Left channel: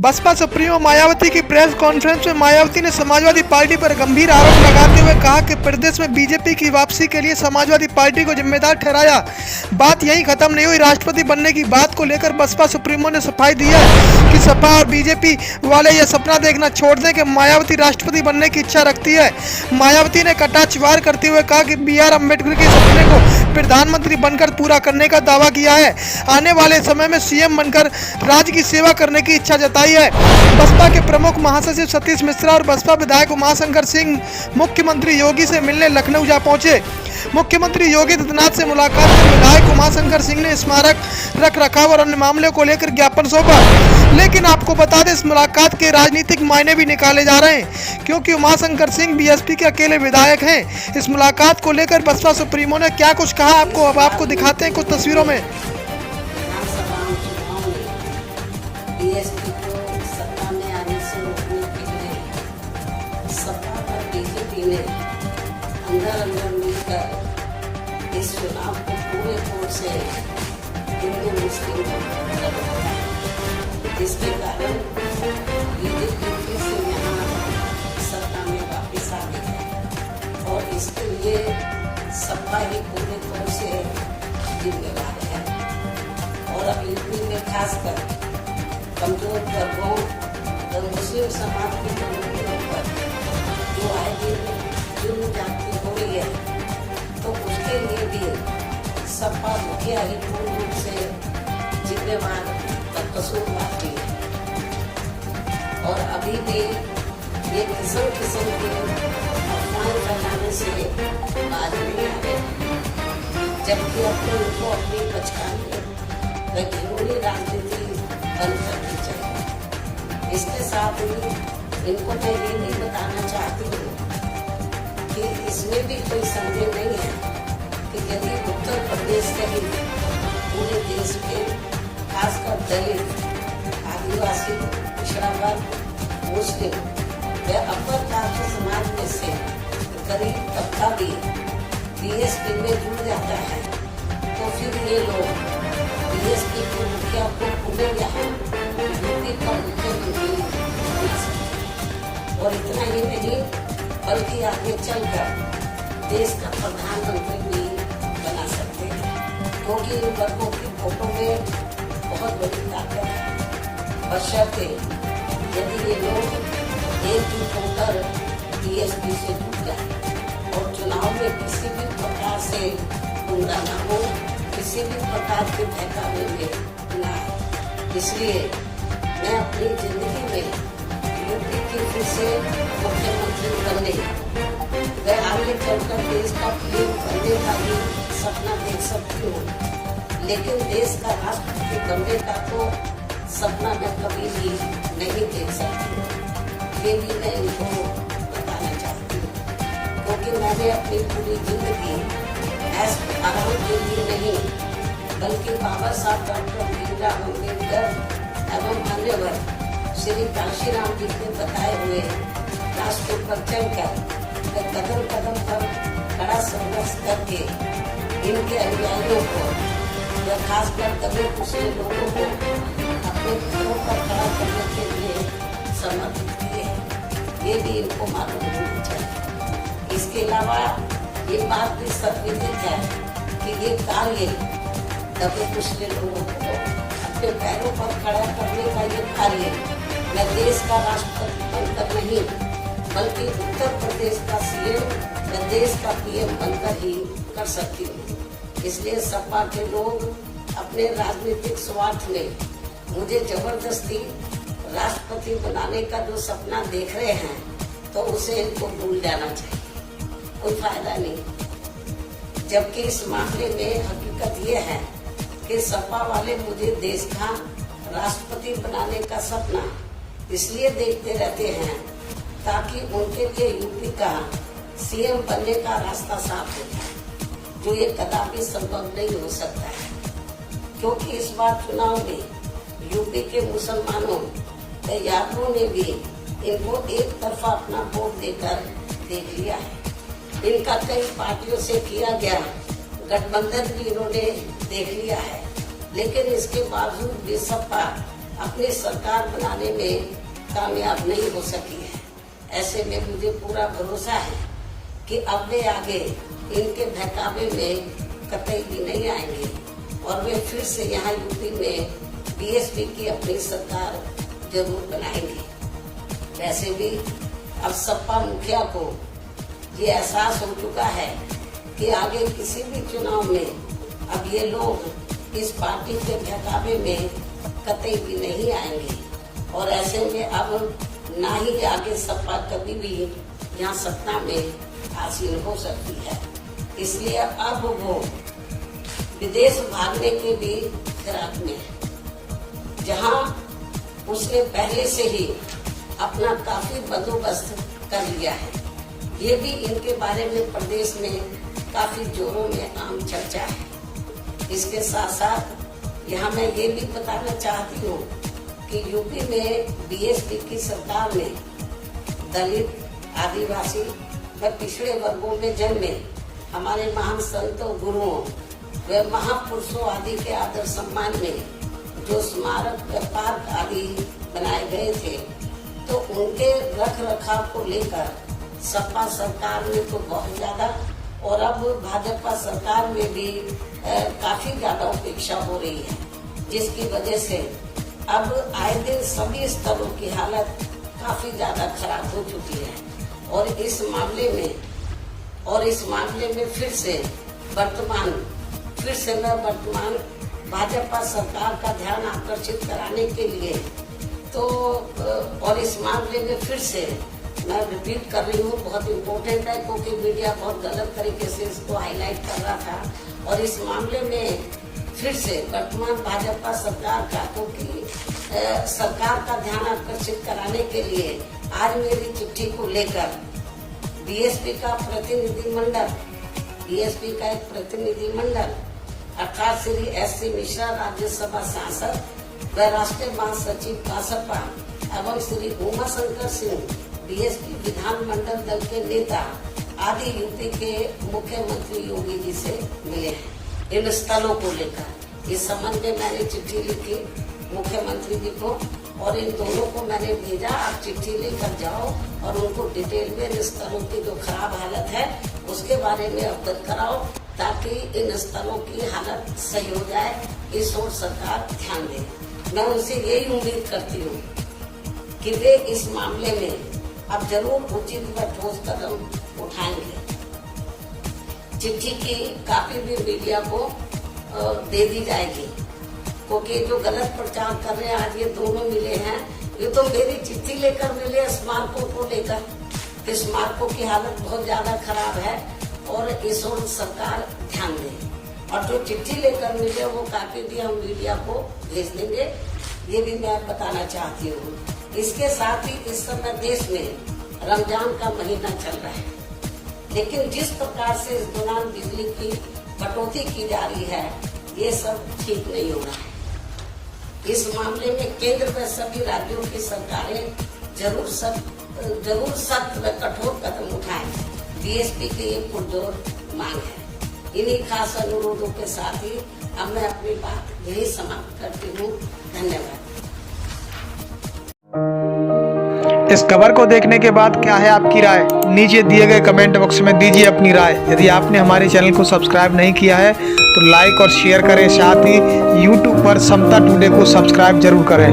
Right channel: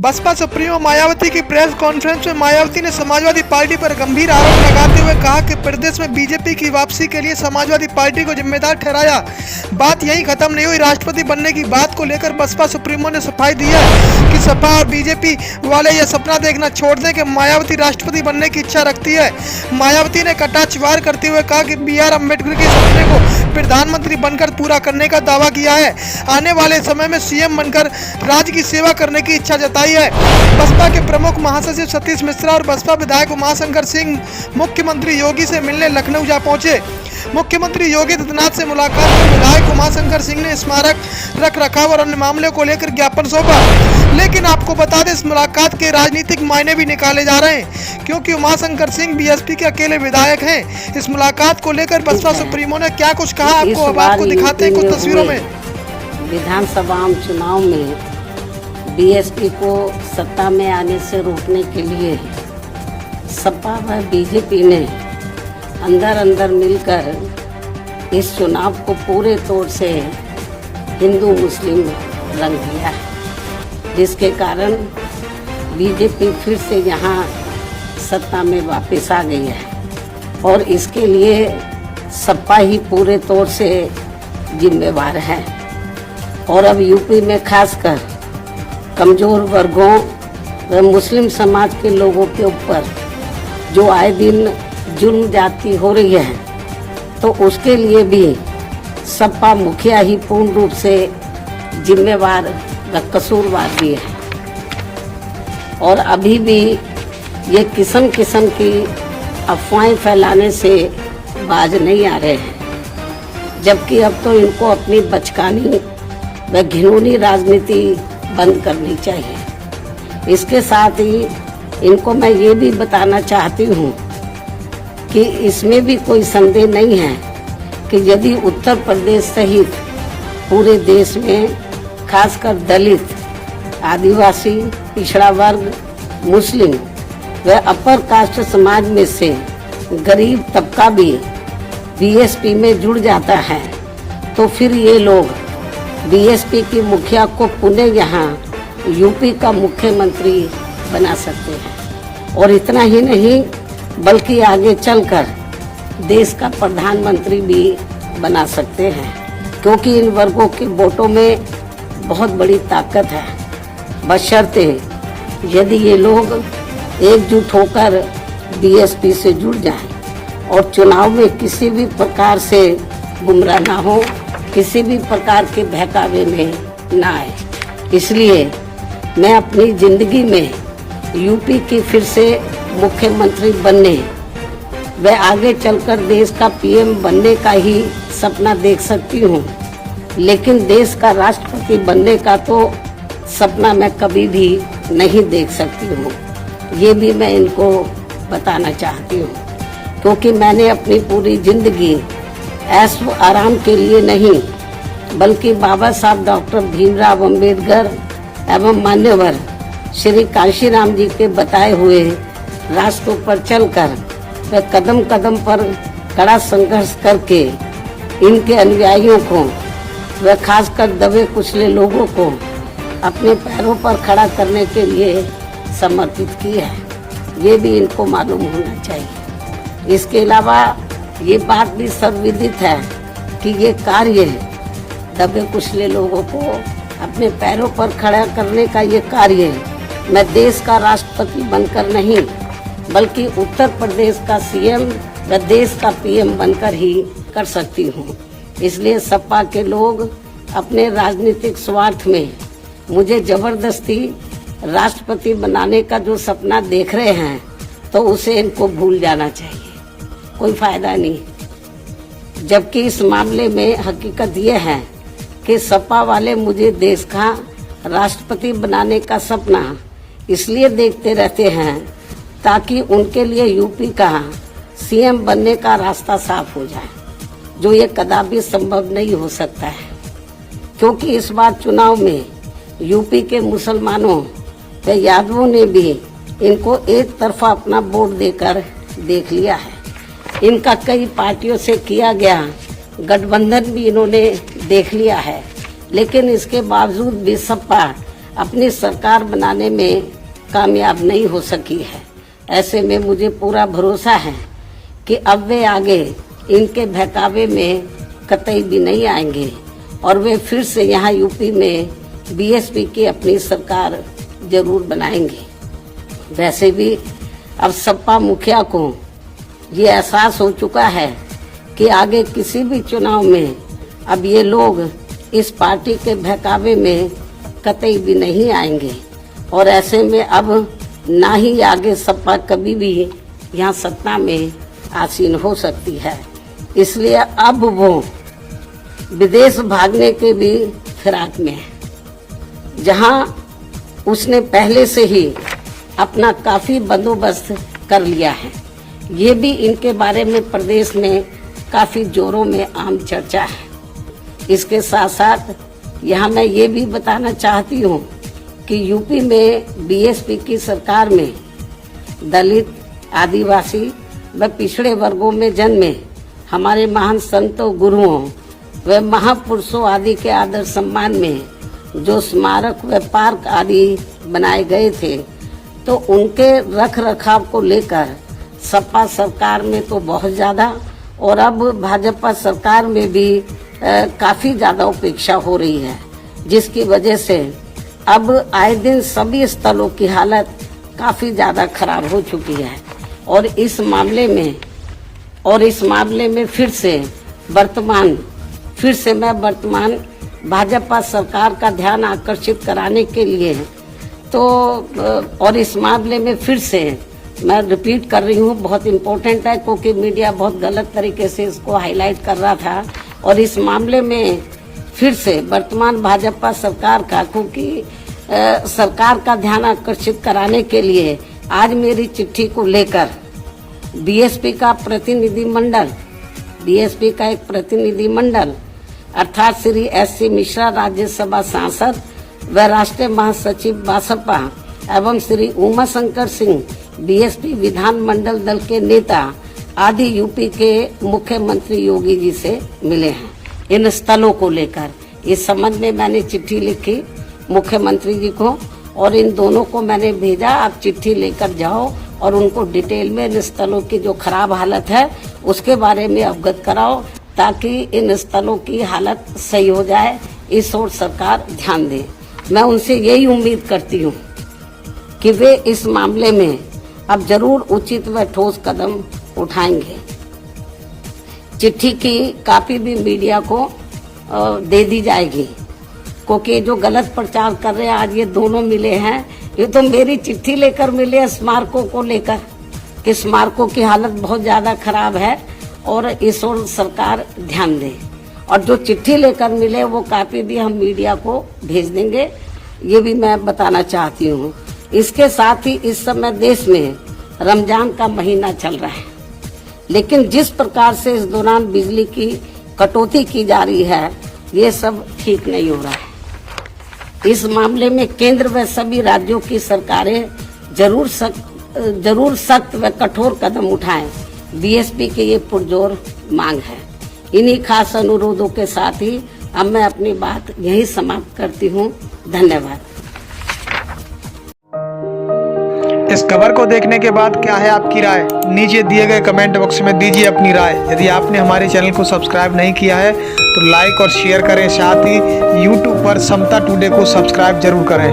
Baspa supremo Mayawati की press conference में मायावती ने समाजवादी पार्टी पर गंभीर आरोप लगाते हुए कहा कि प्रदेश में बीजेपी की वापसी के लिए समाजवादी पार्टी को जिम्मेदार ठहराया। बात यहीं खत्म नहीं हुई। राष्ट्रपति बनने की बात को लेकर बसपा सुप्रीमो ने सफाई दी है कि सपा और बीजेपी वाले यह सपना देखना छोड़ दें कि मायावती राष्ट्रपति बनने की इच्छा रखती है। मायावती ने कटाक्षवार करते हुए कहा कि BR अम्बेडकर के सपने को प्रधानमंत्री बनकर पूरा करने का दावा किया है। आने वाले समय में CM बनकर राज्य की सेवा करने की इच्छा जताई है। बसपा के प्रमुख महासचिव सतीश मिश्रा और बसपा विधायक उमाशंकर सिंह मुख्यमंत्री योगी से मिलने लखनऊ जा पहुंचे। मुख्यमंत्री योगी आदित्यनाथ से मुलाकात कर विधायक उमाशंकर सिंह ने स्मारक रख रखाव और अन्य मामलों को लेकर ज्ञापन सौंपा। लेकिन आपको बता दें, इस मुलाकात के राजनीतिक मायने भी निकाले जा रहे हैं, क्योंकि उमाशंकर सिंह BSP के अकेले विधायक हैं। इस मुलाकात को लेकर बसपा सुप्रीमो ने क्या कुछ कहा, आपको दिखाते हैं कुछ तस्वीरों में। विधानसभा चुनाव में BSP को सत्ता में आने से रोकने के लिए सपा व BJP ने अंदर मिलकर इस चुनाव को पूरे तौर से हिंदू मुस्लिम रंग दिया, जिसके कारण BJP फिर से यहाँ सत्ता में वापस आ गई है और इसके लिए सपा ही पूरे तौर से जिम्मेवार है। और अब यूपी में खासकर कमजोर वर्गों व मुस्लिम समाज के लोगों के ऊपर जो आए दिन जुल्म जाती हो रही है, तो उसके लिए भी सपा मुखिया ही पूर्ण रूप से जिम्मेवार व कसूरवार भी है। और अभी भी ये किस्म किस्म की अफवाहें फैलाने से बाज नहीं आ रहे हैं, जबकि अब तो इनको अपनी बचकानी व घिनौनी राजनीति बंद करनी चाहिए। इसके साथ ही इनको मैं ये भी बताना चाहती हूँ कि इसमें भी कोई संदेह नहीं है कि यदि उत्तर प्रदेश सहित पूरे देश में खासकर दलित, आदिवासी, पिछड़ा वर्ग, मुस्लिम व अपर कास्ट समाज में से गरीब तबका भी BSP में जुड़ जाता है, तो फिर ये लोग BSP की मुखिया को पुनः यहाँ यूपी का मुख्यमंत्री बना सकते हैं। और इतना ही नहीं, बल्कि आगे चलकर देश का प्रधानमंत्री भी बना सकते हैं, क्योंकि इन वर्गों के वोटों में बहुत बड़ी ताकत है। बशर्ते यदि ये लोग एकजुट होकर BSP से जुड़ जाएं और चुनाव में किसी भी प्रकार से गुमराह ना हो, किसी भी प्रकार के बहकावे में ना आए। इसलिए मैं अपनी जिंदगी में यूपी की फिर से मुख्यमंत्री बनने व आगे चलकर देश का PM बनने का ही सपना देख सकती हूँ, लेकिन देश का राष्ट्रपति बनने का तो सपना मैं कभी भी नहीं देख सकती हूँ। ये भी मैं इनको बताना चाहती हूँ, क्योंकि मैंने अपनी पूरी जिंदगी ऐश व आराम के लिए नहीं, बल्कि बाबा साहब डॉक्टर भीमराव अम्बेडकर एवं मान्यवर श्री कांशीराम जी के बताए हुए रास्तों पर चलकर व कदम कदम पर कड़ा संघर्ष करके इनके अनुयायियों को व खासकर दबे कुचले लोगों को अपने पैरों पर खड़ा करने के लिए समर्पित की है। ये भी इनको मालूम होना चाहिए। इसके अलावा ये बात भी सर्वविदित है कि ये कार्य दबे कुचले लोगों को अपने पैरों पर खड़ा करने का ये कार्य मैं देश का राष्ट्रपति बनकर नहीं, बल्कि उत्तर प्रदेश का CM व देश का PM बनकर ही कर सकती हूँ। इसलिए सपा के लोग अपने राजनीतिक स्वार्थ में मुझे जबरदस्ती राष्ट्रपति बनाने का जो सपना देख रहे हैं, तो उसे इनको भूल जाना चाहिए, कोई फायदा नहीं। जबकि इस मामले में हकीकत यह है कि सपा वाले मुझे देश का राष्ट्रपति बनाने का सपना इसलिए देखते रहते हैं ताकि उनके लिए यूपी का CM बनने का रास्ता साफ हो जाए, जो ये कदापि संभव नहीं हो सकता है, क्योंकि इस बार चुनाव में यूपी के मुसलमानों व यादवों ने भी इनको एक तरफा अपना वोट देकर देख लिया है। इनका कई पार्टियों से किया गया गठबंधन भी इन्होंने देख लिया है, लेकिन इसके बावजूद भी सपा अपनी सरकार बनाने में कामयाब नहीं हो सकी है। ऐसे में मुझे पूरा भरोसा है कि अब वे आगे इनके बहकावे में कतई भी नहीं आएंगे और वे फिर से यहाँ यूपी में बीएसपी की अपनी सरकार जरूर बनाएंगे। वैसे भी अब सपा मुखिया को ये एहसास हो चुका है कि आगे किसी भी चुनाव में अब ये लोग इस पार्टी के बहकावे में कतई भी नहीं आएंगे और ऐसे में अब ना ही आगे सपा कभी भी यहाँ सत्ता में आसीन हो सकती है। इसलिए अब वो विदेश भागने के भी फिराक में है, जहाँ उसने पहले से ही अपना काफी बंदोबस्त कर लिया है। ये भी इनके बारे में प्रदेश में काफी जोरों में आम चर्चा है। इसके साथ साथ यहाँ मैं ये भी बताना चाहती हूँ कि यूपी में बीएसपी की सरकार में दलित, आदिवासी व पिछड़े वर्गों में जन्मे हमारे महान संतों, गुरुओं व महापुरुषों आदि के आदर सम्मान में जो स्मारक व पार्क आदि बनाए गए थे, तो उनके रख रखाव को लेकर सपा सरकार में तो बहुत ज्यादा और अब भाजपा सरकार में भी काफी ज्यादा उपेक्षा हो रही है, जिसकी वजह से अब आए दिन सभी स्थलों की हालत काफी ज्यादा खराब हो चुकी है और इस मामले में फिर से मैं वर्तमान भाजपा सरकार का ध्यान आकर्षित कराने के लिए तो और इस मामले में फिर से मैं रिपीट कर रही हूँ, बहुत इम्पोर्टेंट है क्योंकि मीडिया बहुत गलत तरीके से इसको हाईलाइट कर रहा था। और इस मामले में फिर से वर्तमान भाजपा सरकार का सरकार का ध्यान आकर्षित कराने के लिए आज मेरी चिट्ठी को लेकर बीएसपी का एक प्रतिनिधि मंडल अर्थात श्री एस.सी. मिश्रा, राज्यसभा सांसद व राष्ट्रीय महासचिव बसपा एवं श्री उमा शंकर सिंह, बीएसपी विधान मंडल दल के नेता आदि यूपी के मुख्यमंत्री योगी जी से मिले हैं। इन स्थलों को लेकर इस संबंध में मैंने चिट्ठी लिखी मुख्यमंत्री जी को और इन दोनों को मैंने भेजा, आप चिट्ठी लेकर जाओ और उनको डिटेल में इन स्थलों की जो खराब हालत है उसके बारे में अवगत कराओ ताकि इन स्थलों की हालत सही हो जाए। इस ओर सरकार ध्यान दे। मैं उनसे यही उम्मीद करती हूँ कि वे इस मामले में अब जरूर उचित व ठोस कदम उठाएंगे। चिट्ठी की कॉपी भी मीडिया को दे दी जाएगी क्योंकि जो गलत प्रचार कर रहे हैं आज ये दोनों मिले हैं, ये तो मेरी चिट्ठी लेकर मिले स्मारकों को लेकर कि स्मारकों की हालत बहुत ज्यादा खराब है और इस ओर सरकार ध्यान दे। और जो चिट्ठी लेकर मिले वो कॉपी भी हम मीडिया को भेज देंगे, ये भी मैं बताना चाहती हूँ। इसके साथ ही इस समय देश में रमजान का महीना चल रहा है, लेकिन जिस प्रकार से इस दौरान बिजली की कटौती की जा रही है ये सब ठीक नहीं हो रहा है। इस मामले में केंद्र व सभी राज्यों की सरकारें जरूर सख्त व कठोर कदम उठाएं। बीएसपी की ये पुरजोर मांग है। इन्हीं खास अनुरोधों के साथ ही अब मैं अपनी बात यही समाप्त करती हूँ। धन्यवाद। इस खबर को देखने के बाद क्या है आपकी राय? नीचे दिए गए कमेंट बॉक्स में दीजिए अपनी राय। यदि आपने हमारे चैनल को सब्सक्राइब नहीं किया है तो लाइक और शेयर करें, साथ ही यूट्यूब पर समता टुडे को सब्सक्राइब जरूर करें।